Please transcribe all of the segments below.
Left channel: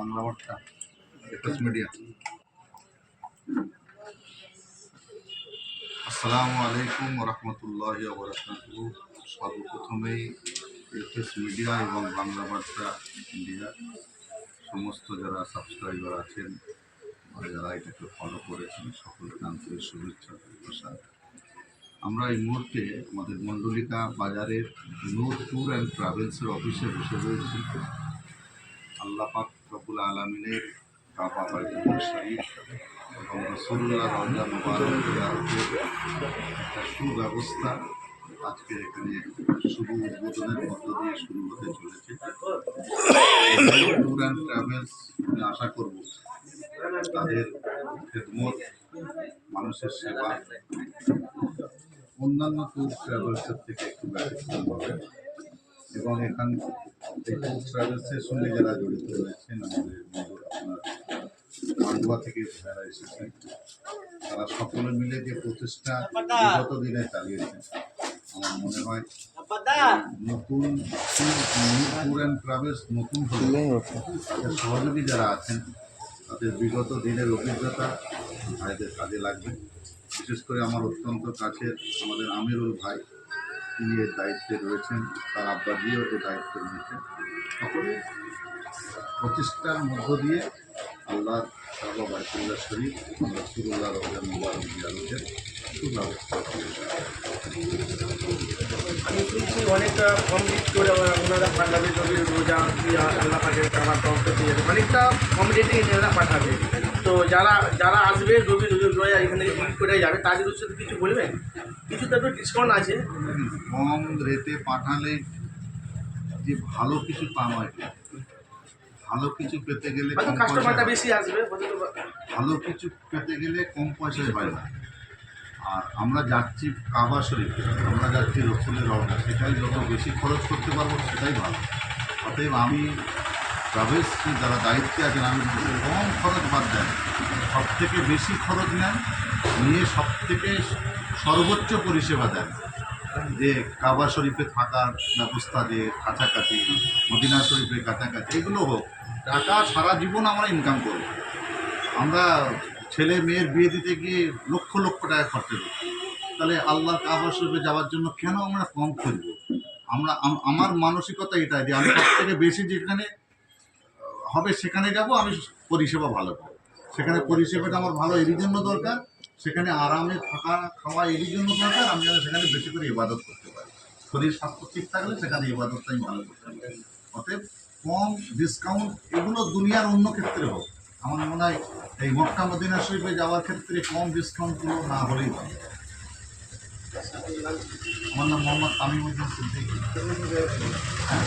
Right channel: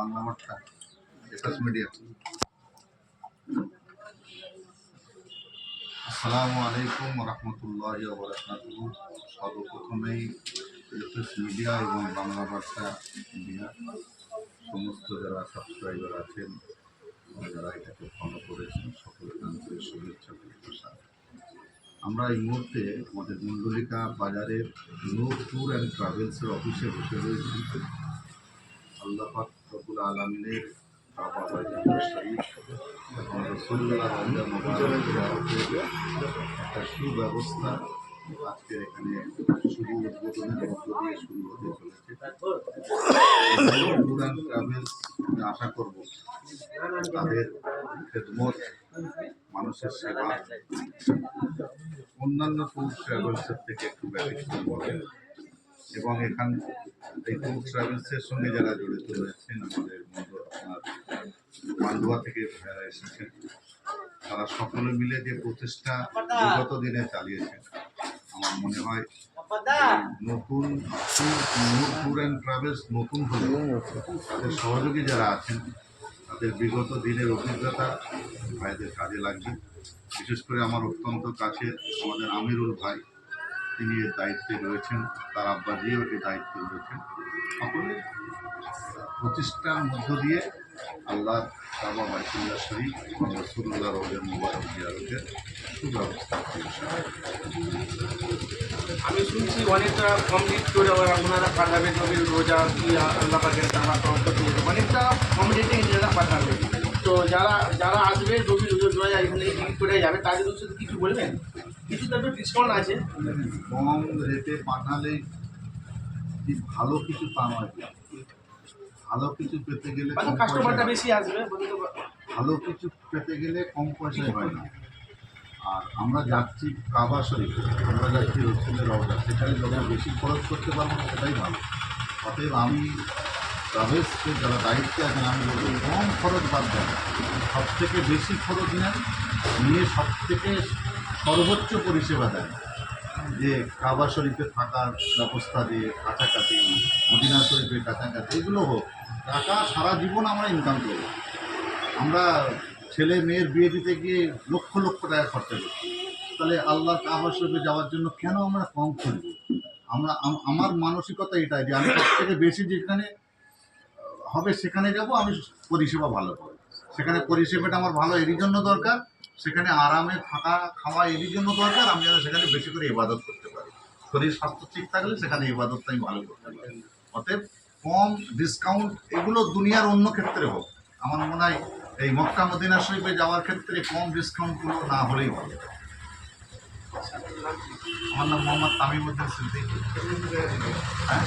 বাংলা বার্তা, SS media. আসসালামু আলাইকুম রহমতুল্লাহ বরকাতুহ সর্বপ্রথমেই এফএস মিডিয়া এবং বাংলা বার্তা ইন্ডিয়া সমস্ত যারা সাবস্ক্রাইবার আছেন যারা এটাকে ফলো করেছেন, সকলকে আন্তরিক শুভেচ্ছা ভালোবাসা আমরা এই মুহূর্তে আমাদের মণ্ডলিকা বাজারের নূর ট্যুর অ্যান্ড ট্রাভেলসের অফিসে বসে রয়েছি। আল্লাহ পাক রবুল আলমিনের কাবা বাইতুল শরীফ এবং রসুল্লাহ রমজান একটা সুব্যবস্থা আজকে এখানে শুভ উদ্বোধনের মধ্য দিয়ে শুরু হতে চলেছে। ট্যুর অ্যান্ড ট্রাভেলস আশা করব তাদের খেদমত মানুষের সেবা, অন্যান্য ট্যুর ট্রাভেলসের থেকে একটু ব্যতিক্রম হবে। এবং এখান ট্রাভেলসের সঙ্গে যারা জড়িত রয়েছেন, আমাদের আপনার মান্ডুয়া থেকে যারা এসেছেন, তারা সকলে মিলে যে প্রচেষ্টা বিগত দিনে চালিয়েছেন, আমার মনে হয় নতুন ট্যুর অ্যান্ড ট্রাভেলস নতুন হলে তাদের সহযোগী যারা আছেন, তাদের বিগত দিনের অভিজ্ঞতা ভাইদের কাজে লাগবে। বিশেষ করে আমার অত্যন্ত কাছের আমাদের আমিরুল ভাই তিনি এর দায়িত্বে রয়েছেন, তার আব্বাজিও এর দায়িত্বে রয়েছেন। সকলে প্রতিষ্ঠার মধ্য দিয়ে আল্লাহ কাবা বাইতুল্লাহ শরীফ রসুল্লাহ রোজা মুবারক জিয়ারতের সুব্যবস্থা আমি শুনছি অনেকটা কমপ্লিট করে ওনারা পাঠাবে, যদি রোজা আল্লাহ পাখের টাকা কাউকে করতে অনেকটা কম রেটে এনারা পাঠাবে। তো যারা যারা আসবে রবি রোজা এখানে করে যাবে, তাদের কিছু বলবেন? কিছু তো ডিসকাউন্ট আছে। কম রেটে পাঠালে যে ভালো কিছু নয়। কিন্তু। ভালো কিছু পেতে গেলে কাস্টমারটা বেশি আসবে ভালো কিছু পেতে গেলে কম পয়সায় হয় না। আর আমরা যাচ্ছি কাবা শরীফ আমরা যাচ্ছি রসুলের রওজা সেটাই যত বেশি খরচ করতে পারব সেটাই ভালো। অতএব আমি ট্রাভেলসের যারা দায়িত্বে আছেন আমি বলছি কম খরচ বাদ দেন। সব থেকে বেশি খরচ নেন নিয়ে সব থেকে সর্বোচ্চ পরিষেবা দেন। যে কাবা শরীফে থাকার ব্যবস্থা যে কাছাকাছি, মদিনা শরীফের কাছাকাছি, এগুলো হোক, টাকা সারা জীবন আমরা ইনকাম করব। আমরা ছেলে মেয়ের বিয়ে দিতে গিয়ে লক্ষ লক্ষ টাকা খরচা করছি। তাহলে আল্লাহ কাবা শরীফে যাওয়ার জন্য কেন আমরা কম খুঁজব আমরা আমার মানসিকতা এটাই যে আমি সব থেকে বেশি যেখানে হবে সেখানে যাব, আমি পরিষেবা ভালো পাবো। সেখানে পরিষেবাটা আমার ভালো, এরই জন্য দরকার সেখানে আরামে থাকা খাওয়া এরই জন্য দরকার আমি যেন সেখানে বেশি করে ইবাদত করতে পারি। শরীর স্বাস্থ্য ঠিক থাকলে সেখানে ইবাদতটা আমি ভালো করতে পারি। অতএব কম ডিসকাউন্ট এগুলো দুনিয়ার অন্য ক্ষেত্রে হোক। আমার মনে হয় এই মক্কা মদিনা শরীফে যাওয়ার ক্ষেত্রে কম ডিসকাউন্টগুলো না হলেই ভালো। আমার নাম মোহাম্মদ তামিমুদ্দিন সিদ্দিক। হ্যাঁ?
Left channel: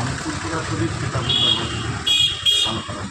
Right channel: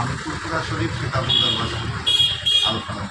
আমি ফুলপুরা শরীফ কিতাবুল্লাহ আল কালাম